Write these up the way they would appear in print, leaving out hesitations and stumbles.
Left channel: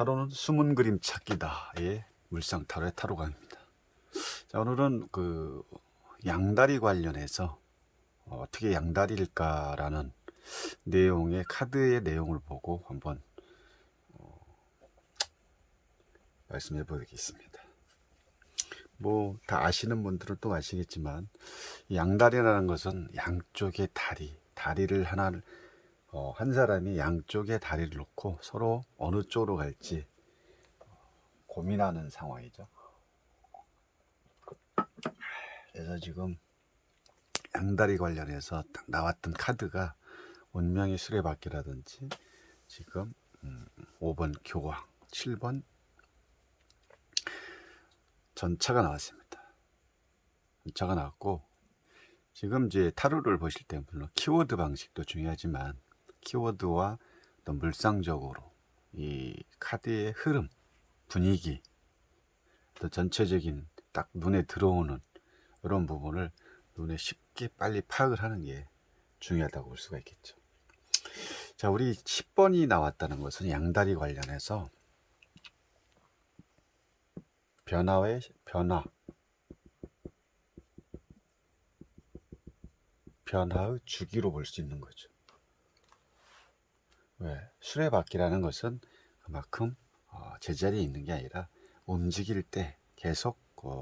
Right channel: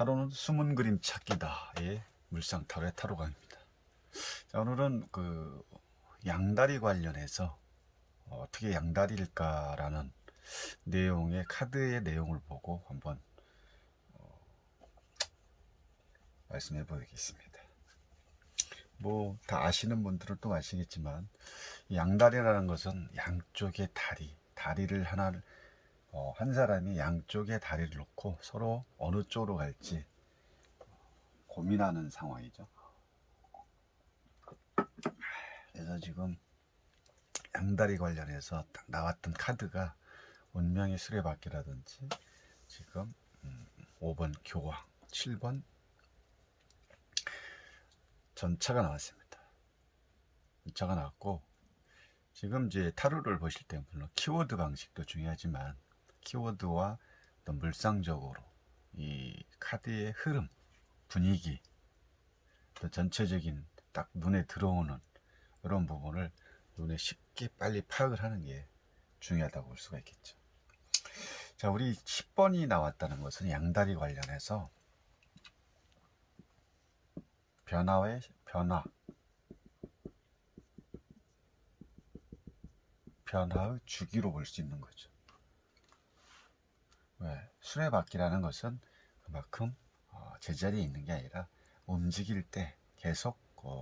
타로는 숨은 그림 찾기다의 물상 타로의 타로 강입니다. 자, 오늘은 그 양다리 관련해서 어떻게 양다리일까라는 내용의 카드의 내용을 보고 한번 말씀해 보겠습니다. 뭐 다 아시는 분들은 또 아시겠지만 양다리라는 것은 양쪽의 다리를 하나를 한 사람이 양쪽에 다리를 놓고 서로 어느 쪽으로 갈지 고민하는 상황이죠. 그래서 지금 양다리 관련해서 딱 나왔던 카드가 운명의 수레바퀴라든지 지금 5번 교황, 7번 전차가 나왔습니다. 전차가 나왔고, 지금 이제 타로를 보실 때 물론 키워드 방식도 중요하지만 키워드와 또 물상적으로 이 카드의 흐름, 분위기, 또 전체적인 딱 눈에 들어오는 이런 부분을 눈에 쉽게 빨리 파악을 하는 게 중요하다고 볼 수가 있겠죠. 자, 우리 10번이 나왔다는 것은 양다리 관련해서 변화의 주기로 볼 수 있는 거죠. 왜? 수레바퀴라는 것은 그만큼 제자리에 있는 게 아니라 움직일 때 계속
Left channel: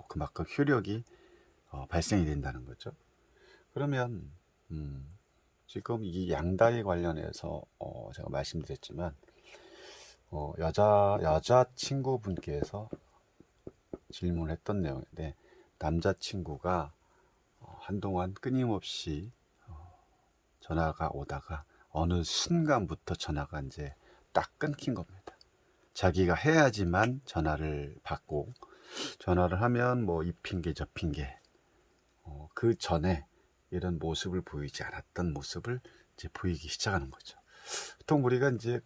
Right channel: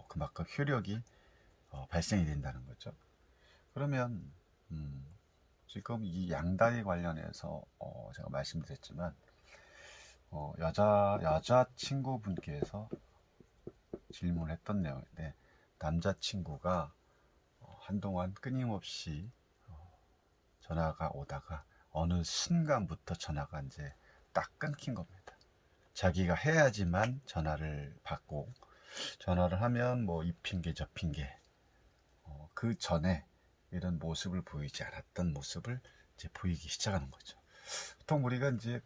그만큼 효력이 발생이 된다는 거죠. 그러면 지금 이 양다리 관련해서 제가 말씀드렸지만 여자친구분께서 질문했던 내용인데, 남자친구가 한동안 끊임없이 전화가 오다가 어느 순간부터 전화가 이제 딱 끊긴 겁니다. 자기가 해야지만 전화를 받고, 전화를 하면 뭐 이 핑계 저 핑계, 그 전에 이런 모습을 보이지 않았던 모습을 이제 보이기 시작하는 거죠. 보통 우리가 이제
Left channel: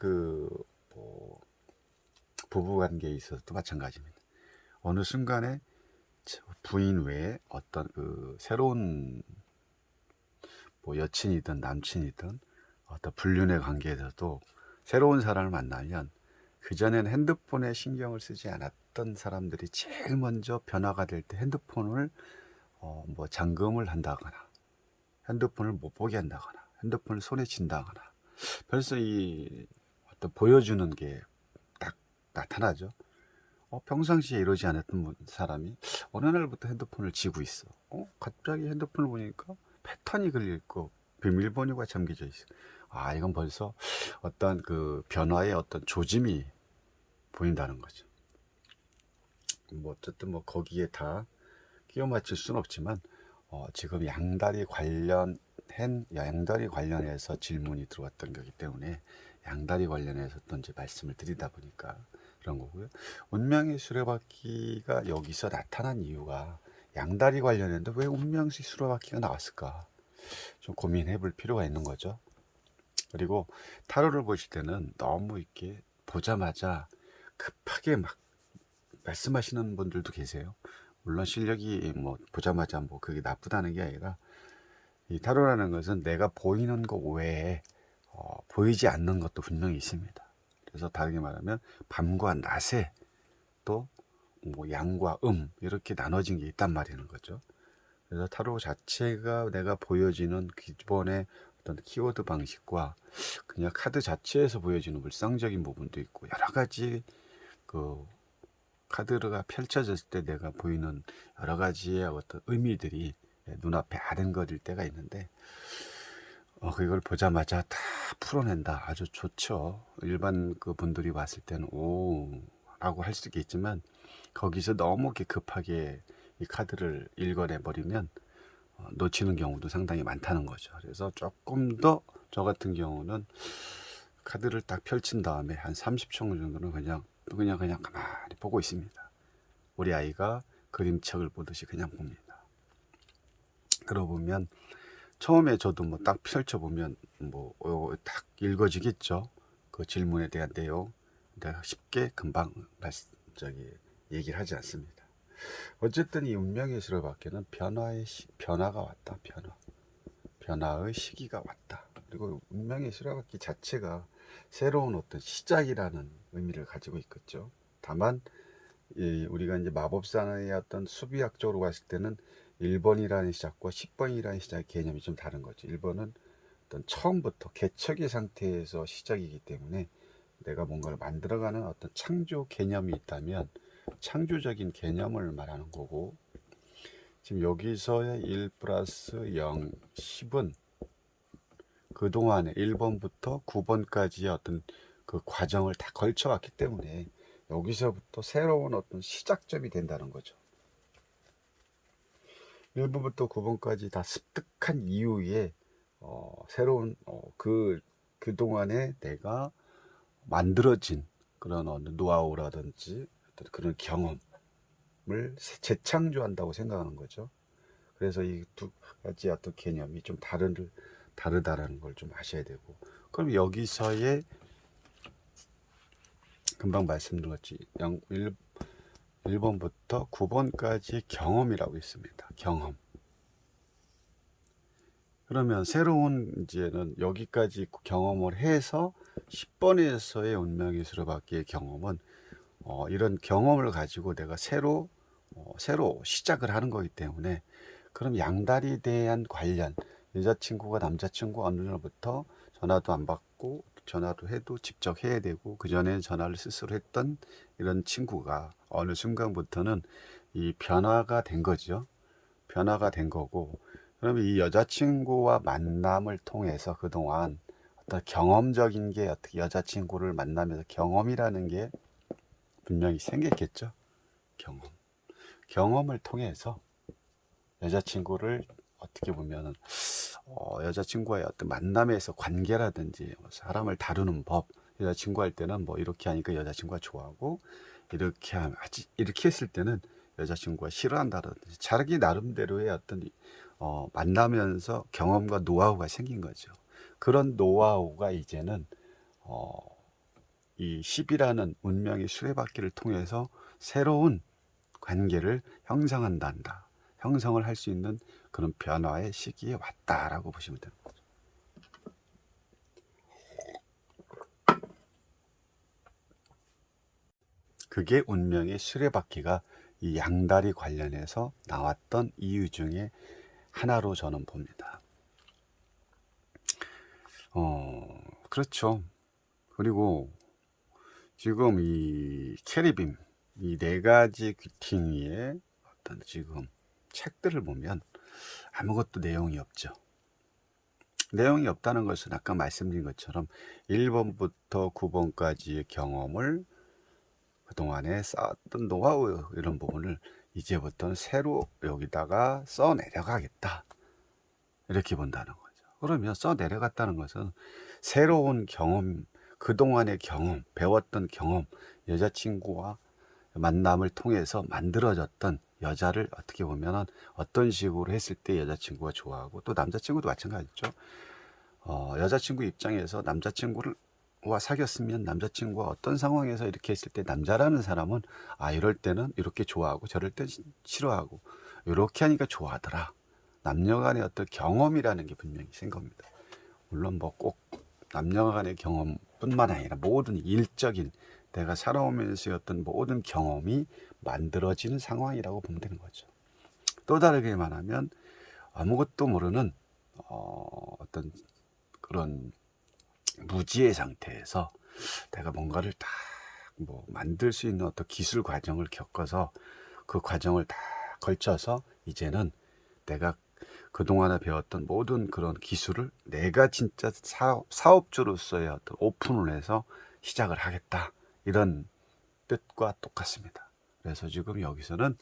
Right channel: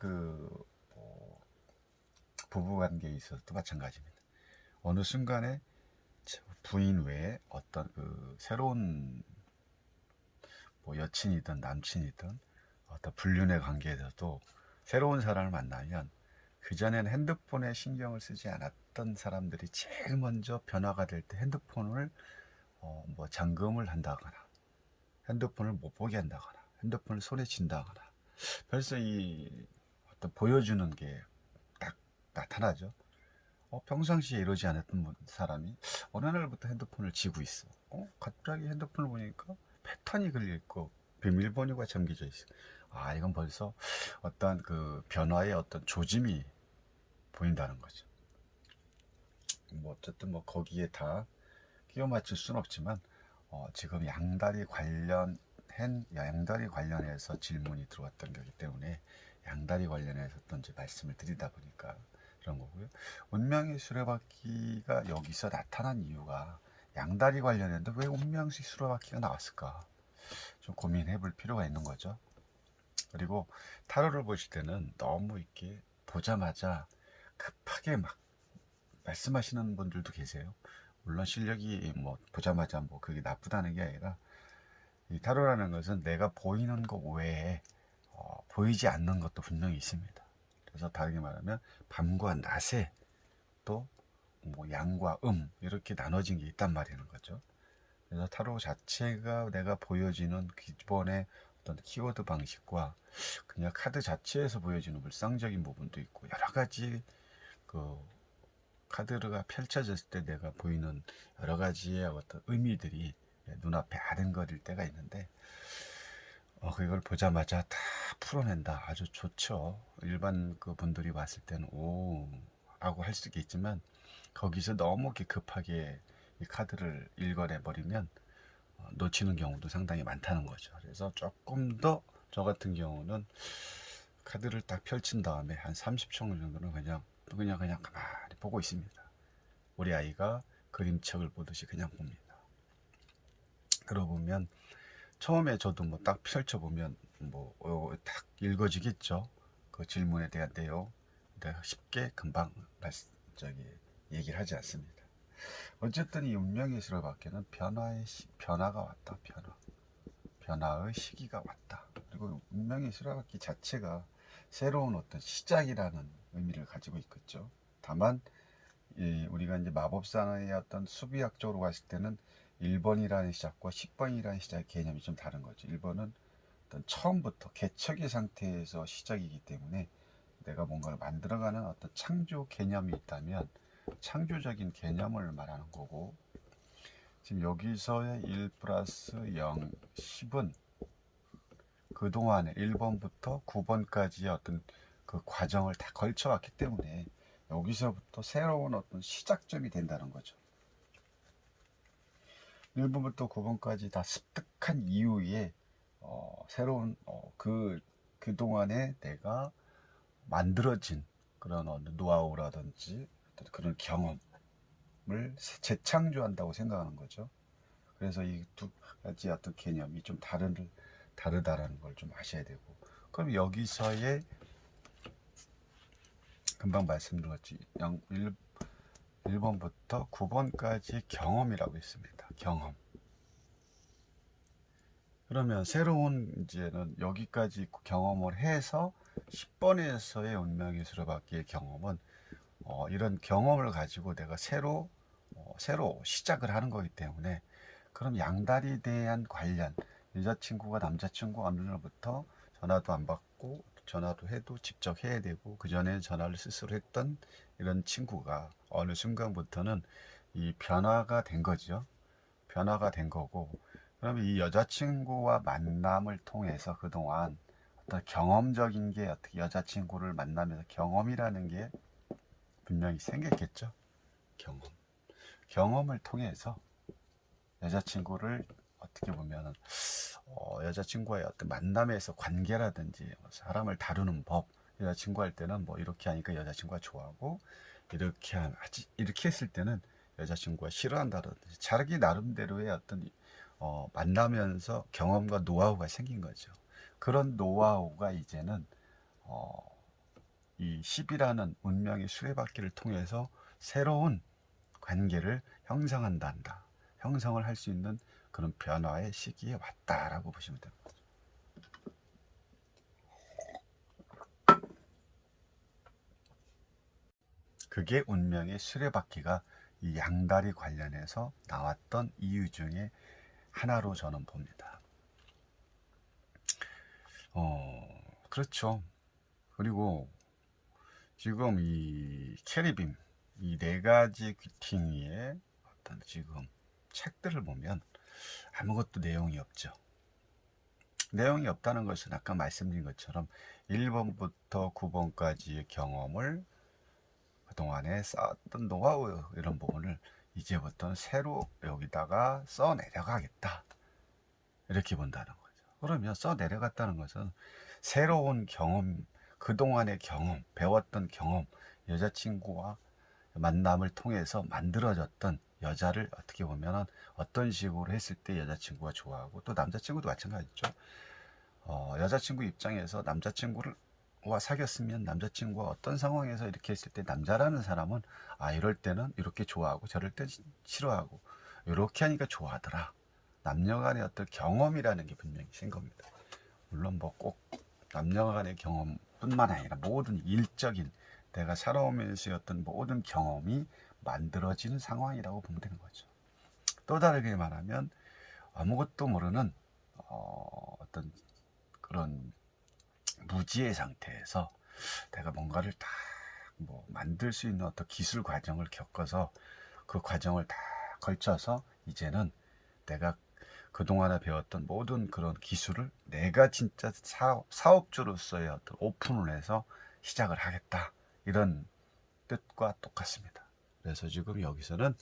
부부 관계에 있어서도 마찬가지입니다. 어느 순간에 부인 외에 어떤 새로운 뭐 여친이든 남친이든 어떤 불륜의 관계에서도 새로운 사람을 만나면 그전에는 핸드폰에 신경을 쓰지 않았던 사람들이 제일 먼저 변화가 될 때 핸드폰을 뭐 잠금을 한다거나 핸드폰을 못 보게 한다거나 핸드폰을 손에 쥔다거나 벌써 이 어떤 보여주는 게 딱 나타나죠. 평상시에 이러지 않았던 사람이 어느 날부터 핸드폰을 쥐고 있어. 갑자기 핸드폰을 보니까 패턴이 걸려있고 비밀번호가 잠겨져 있어. 이건 벌써 어떤 그 변화의 어떤 조짐이 보인다는 거죠. 뭐 어쨌든 뭐 거기에 다 끼워 맞출 수는 없지만 지금 양다리 관련해서 질문이 들어왔던 거기 때문에 양다리 관련해서 또 이제 말씀을 드리다 보니까 그런 거고요. 운명의 수레바퀴가 여기서 나타난 이유가 양다리 관련했는데 왜 운명의 수레바퀴가 나왔을까? 좀 고민해 볼 필요가 있는 거죠. 그리고 타로를 보실 때는 너무 이렇게 보자마자 급하게 막 말씀하시는 분들도 계세요. 물론 실력이 뭐 보자마자 뭐 그게 나쁘다는 게 아니라, 이 타로라는 것은 내가 보이는 것 외에 보이지 않는 것도 분명히 있습니다. 그래서 다르게 말하면 밤과 낮에 또 뭐 양과 이렇게 나눠진 게 있단 말이는 거죠. 그래서 타로 자체가 내가 보여지는 기본의 어떤 키워드 방식과 그냥 카드 자체에서 보여지는 물상적인 부분도 있고, 여러 가지 그 카드가 펼쳐졌을 때 내가 보이는 여러 가지의 어떤 의미들이 눈앞에 아른거릴 때가 있는데, 그걸 보자마자 다 풀어낸다. 아주 좋죠. 일반 그 분들이 봤을 때는 오 라고 할 수 있겠지만, 거기서 너무 이렇게 급하게 이 카드를 읽어내 버리면 놓치는 경우도 상당히 많다는 거죠. 그래서 조금 더 저 같은 경우는 카드를 딱 펼친 다음에 한 30초 정도는 그냥 가만히 보고 있습니다. 우리 아이가 그림책을 보듯이 그냥 봅니다. 그러고 보면 처음에 저도 뭐 딱 펼쳐보면 뭐 딱 읽어지겠죠. 그 질문에 대한 내용 내가 쉽게 금방 얘기를 하지 않습니다. 어쨌든 이 운명의 수레바퀴는 변화가 왔다. 변화의 시기가 왔다. 그리고 운명의 수레바퀴 자체가 새로운 어떤 시작이라는 의미를 가지고 있겠죠. 다만 우리가 이제 마법사의 어떤 수비학적으로 봤을 때는 1번이라는 시작과 10번이라는 시작 개념이 좀 다른 거죠. 1번은 어떤 처음부터 개척의 상태에서 시작이기 때문에 내가 뭔가를 만들어가는 어떤 창조 개념이 있다면 창조적인 개념을 말하는 거고, 지금 여기서의 1 플러스 0, 10은 그동안에 1번부터 9번까지의 어떤 그 과정을 다 걸쳐왔기 때문에 여기서부터 새로운 어떤 시작점이 된다는 거죠. 1번부터 9번까지 다 습득한 이후에 새로운 그동안에 내가 만들어진 그런 어느 노하우라든지 어떤 그런 경험을 재창조한다고 생각하는 거죠. 그래서 이 두 가지 어떤 개념이 좀 다르다라는 걸 좀 아셔야 되고, 그럼 여기서의 금방 말씀드렸지 1번부터 9번까지의 경험이라고 있습니다. 경험. 그러면 새로운 이제는 여기까지 경험을 해서 10번에서의 운명의 수레바퀴의 경험은 이런 경험을 가지고 내가 새로 시작을 하는 거기 때문에, 그럼 양다리에 대한 관련, 여자친구가 남자친구 어느 날부터 전화도 안 받고 전화도 해도 직접 해야 되고 그 전에 전화를 스스로 했던 이런 친구가 어느 순간부터는 이 변화가 된 거죠. 변화가 된 거고, 그러면 이 여자친구와 만남을 통해서 그동안 어떤 경험적인 게, 어떻게 여자친구를 만나면서 경험이라는 게 분명히 생겼겠죠. 경험을 통해서 여자친구를 어떻게 보면 여자친구와의 어떤 만남에서 관계라든지 사람을 다루는 법, 여자친구 할 때는 뭐 이렇게 하니까 여자친구가 좋아하고, 이렇게 했을 때는 여자친구가 싫어한다든지 자기 나름대로의 어떤 만나면서 경험과 노하우가 생긴 거죠. 그런 노하우가 이제는 이 10이라는 운명의 수레바퀴를 통해서 새로운 관계를 형성을 할 수 있는 그런 변화의 시기에 왔다라고 보시면 됩니다. 그게 운명의 수레바퀴가 이 양다리 관련해서 나왔던 이유 중에 하나로 저는 봅니다. 그렇죠. 그리고 지금 이 캐리빔, 이 네 가지 귀퉁이의 어떤 지금 책들을 보면 아무것도 내용이 없죠. 내용이 없다는 것은 아까 말씀드린 것처럼 1번부터 9번까지의 경험을 그동안에 쌓았던 노하우, 이런 부분을 이제부터는 새로 여기다가 써 내려가겠다, 이렇게 본다는 거죠. 그러면 써 내려갔다는 것은 새로운 경험, 그동안의 경험, 배웠던 경험, 여자친구와 만남을 통해서 만들어졌던 여자를 어떻게 보면은 어떤 식으로 했을 때 여자친구가 좋아하고, 또 남자친구도 마찬가지죠. 여자친구 입장에서 남자친구와 사귀었으면 남자친구가 어떤 상황에서 이렇게 했을 때 남자라는 사람은 이럴 때는 이렇게 좋아하고 저럴 때 싫어하고 이렇게 하니까 좋아하더라. 남녀 간의 어떤 경험이라는 게 분명히 생긴 겁니다. 물론 뭐 꼭 남녀 간의 경험뿐만 아니라 모든 일적인 내가 살아오면서 어떤 모든 경험이 만들어지는 상황이라고 보면 되는 거죠. 또 다르게 말하면 아무것도 모르는 어떤 그런 무지의 상태에서 내가 뭔가를 다 만들 수 있는 어떤 기술 과정을 겪어서 그 과정을 다 걸쳐서 이제는 내가 그동안에 배웠던 모든 그런 기술을 내가 진짜 사업주로서의 어떤 오픈을 해서 시작을 하겠다, 이런 뜻과 똑같습니다. 그래서 지금 여기서는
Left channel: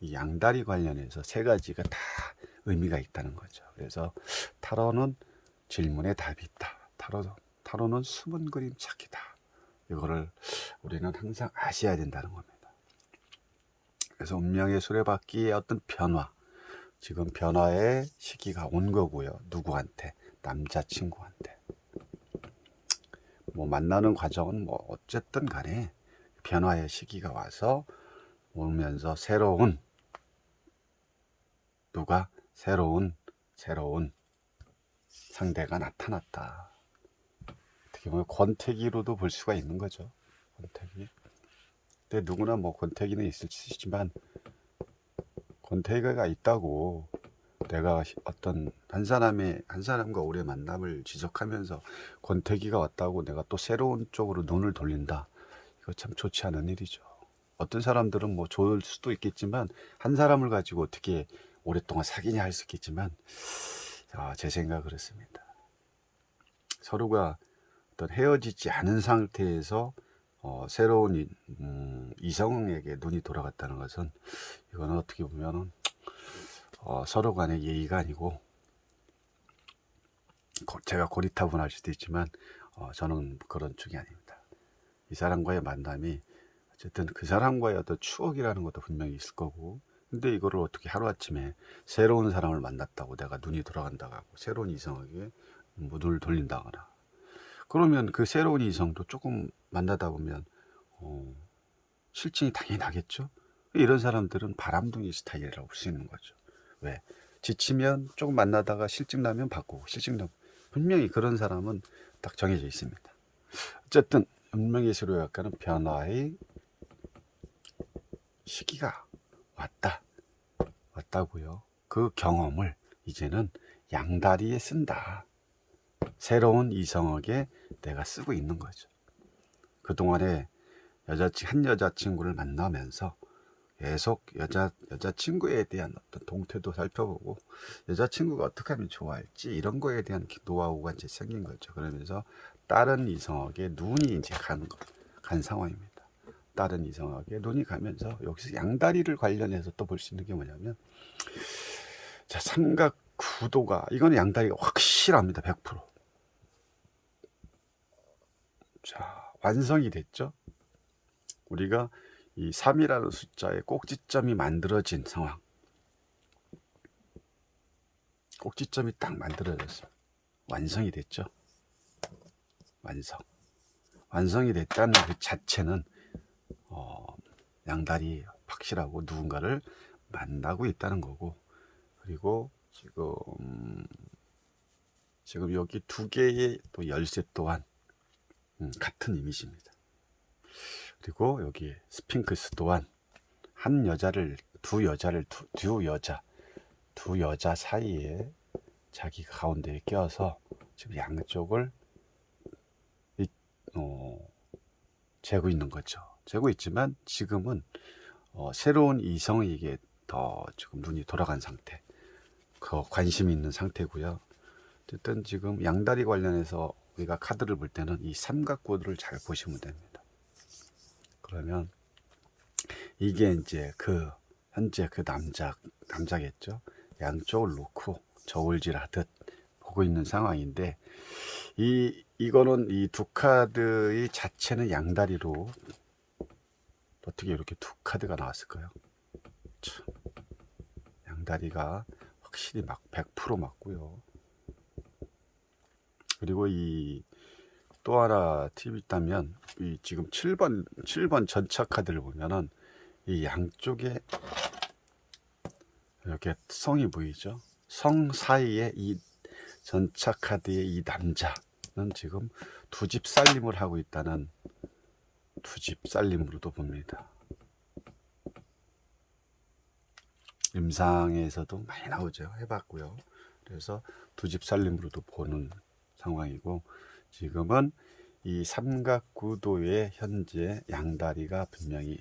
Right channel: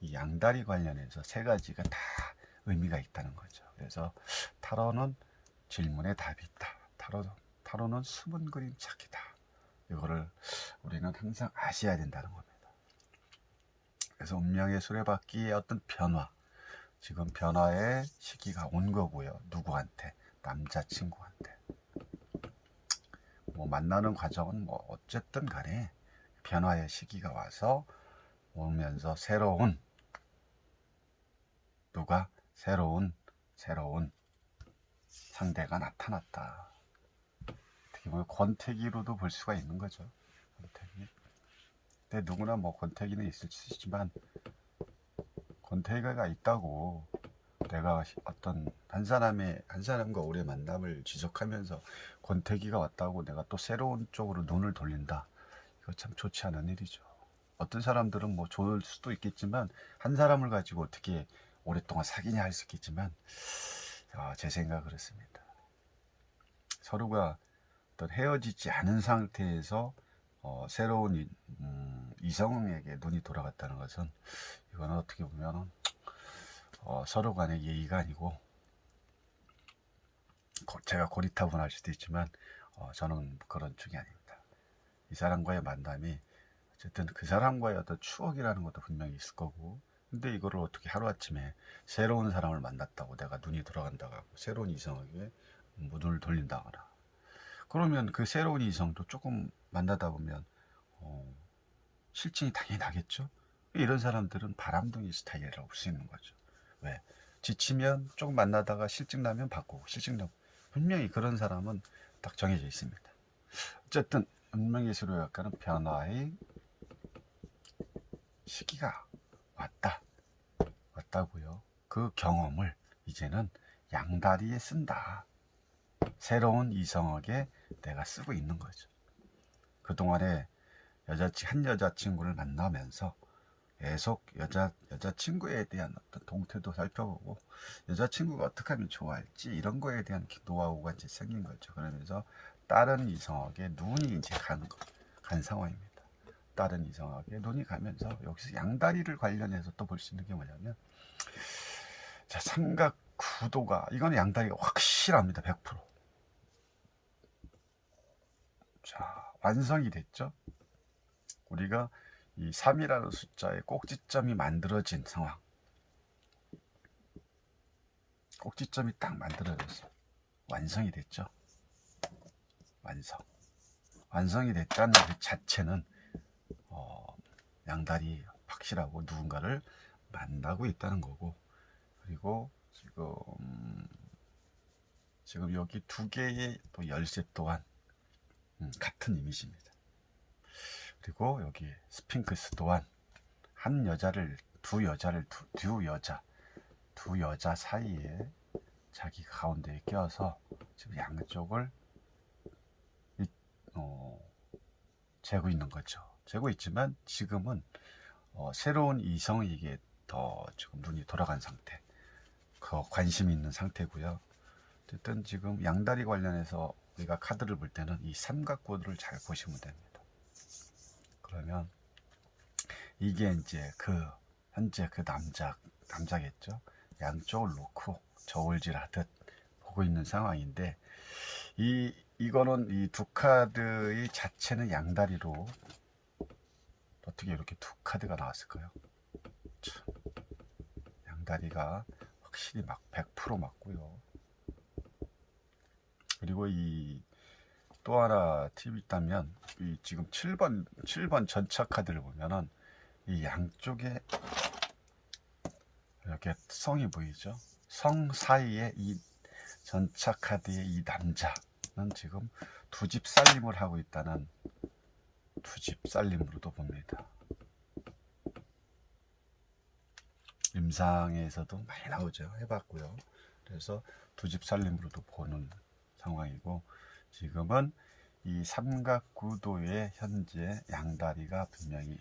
이 양다리 관련해서 세 가지가 다 의미가 있다는 거죠. 그래서 타로는 질문에 답이 있다. 타로는 숨은 그림 찾기다. 이거를 우리는 항상 아셔야 된다는 겁니다. 그래서 운명의 수레바퀴의 어떤 변화, 지금 변화의 시기가 온 거고요. 누구한테? 남자친구한테. 만나는 과정은 어쨌든 간에 변화의 시기가 와서 오면서 새로운 상대가 나타났다. 어떻게 보면 권태기로도 볼 수가 있는 거죠. 권태기. 근데 누구나 뭐 권태기는 있을 수 있지만, 권태기가 있다고 내가 어떤 한 사람과 오래 만남을 지속하면서 권태기가 왔다고 내가 또 새로운 쪽으로 눈을 돌린다. 이거 참 좋지 않은 일이죠. 어떤 사람들은 뭐 좋을 수도 있겠지만, 한 사람을 가지고 어떻게 오랫동안 사귀냐 할 수 있겠지만, 제 생각은 그렇습니다. 서로가 어떤 헤어지지 않은 상태에서 새로운 이성에게 눈이 돌아갔다는 것은, 이거는 어떻게 보면 서로 간의 예의가 아니고, 제가 고리타분할 수도 있지만 저는 그런 쪽이 아닙니다. 이 사람과의 만남이 어쨌든 그 사람과의 어떤 추억이라는 것도 분명히 있을 거고, 근데 이거를 어떻게 하루아침에 새로운 사람을 만났다고 내가 눈이 돌아간다고 하고 새로운 이성에게 눈을 돌린다거나, 그러면 그 새로운 이성도 조금 만나다 보면 실증이 당연히 나겠죠. 이런 사람들은 바람둥이 스타일이라고 볼 수 있는 거죠. 왜? 지치면 조금 만나다가 실증 나면 바꾸고, 실증 나면, 분명히 그런 사람은 딱 정해져 있습니다. 어쨌든 운명예술의학과는 변화의 시기가 왔다고요. 그 경험을 이제는 양다리에 쓴다. 새로운 이성에게 내가 쓰고 있는 거죠. 그동안에 한 여자친구를 만나면서 계속 여자친구에 대한 어떤 동태도 살펴보고, 여자친구가 어떻게 하면 좋아할지 이런 거에 대한 노하우가 이제 생긴 거죠. 그러면서 다른 이성에게 눈이 이제 간 상황입니다. 다른 이성에게 눈이 가면서 여기서 양다리를 관련해서 또 볼 수 있는 게 뭐냐면, 자, 삼각 구도가, 이거는 양다리가 확실합니다. 100%. 자, 완성이 됐죠. 우리가 이 3이라는 숫자의 꼭지점이 만들어진 상황, 꼭지점이 딱 만들어졌어. 완성이 됐죠. 완성이 됐다는 그 자체는 양다리 확실하고 누군가를 만나고 있다는 거고, 그리고 지금 여기 두 개의 또 열쇠 또한 같은 이미지입니다. 그리고 여기 스핑크스 또한 두 여자 사이에 자기가 가운데에 껴서 지금 양쪽을 재고 있는 거죠. 재고 있지만 지금은 새로운 이성에게 더 지금 눈이 돌아간 상태, 관심이 있는 상태고요. 어쨌든 지금 양다리 관련해서 우리가 카드를 볼 때는 이 삼각구도를 잘 보시면 됩니다. 그러면 이게 이제 현재 그 남자겠죠. 양쪽을 놓고 저울질하듯 보고 있는 상황인데, 이거는 이 두 카드의 자체는 양다리로, 어떻게 이렇게 두 카드가 나왔을까요? 양다리가 확실히 100% 맞고요. 그리고 또 하나 팁이 있다면, 이 지금 7번 전차 카드를 보면은 이 양쪽에 이렇게 성이 보이죠. 성 사이에 이 전차 카드의 이 남자는 지금 두 집 살림을 하고 있다는, 두 집 살림으로도 봅니다. 임상에서도 많이 나오죠. 해봤고요. 그래서 두 집 살림으로도 보는 상황이고, 지금은 이 삼각구도의 현재 양다리가 분명히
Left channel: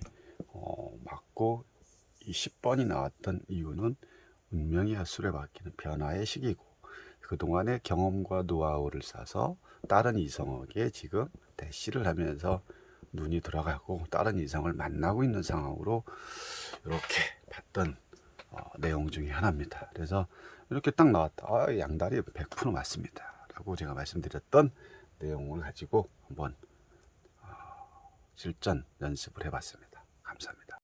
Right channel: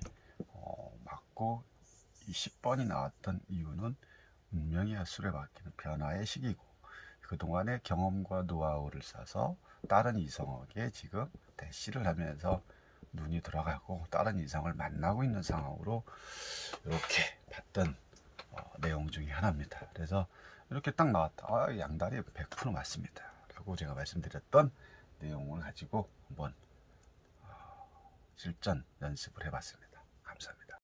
맞고, 이 10번이 나왔던 이유는 운명의 수레바퀴는 변화의 시기고, 그동안의 경험과 노하우를 쌓아서 다른 이성에게 지금 대시를 하면서 눈이 돌아가고 다른 이성을 만나고 있는 상황으로 이렇게 봤던 내용 중에 하나입니다. 그래서 이렇게 딱 나왔다. 양다리 100% 맞습니다 라고 제가 말씀드렸던 내용을 가지고 한번 실전 연습을 해봤습니다. 감사합니다.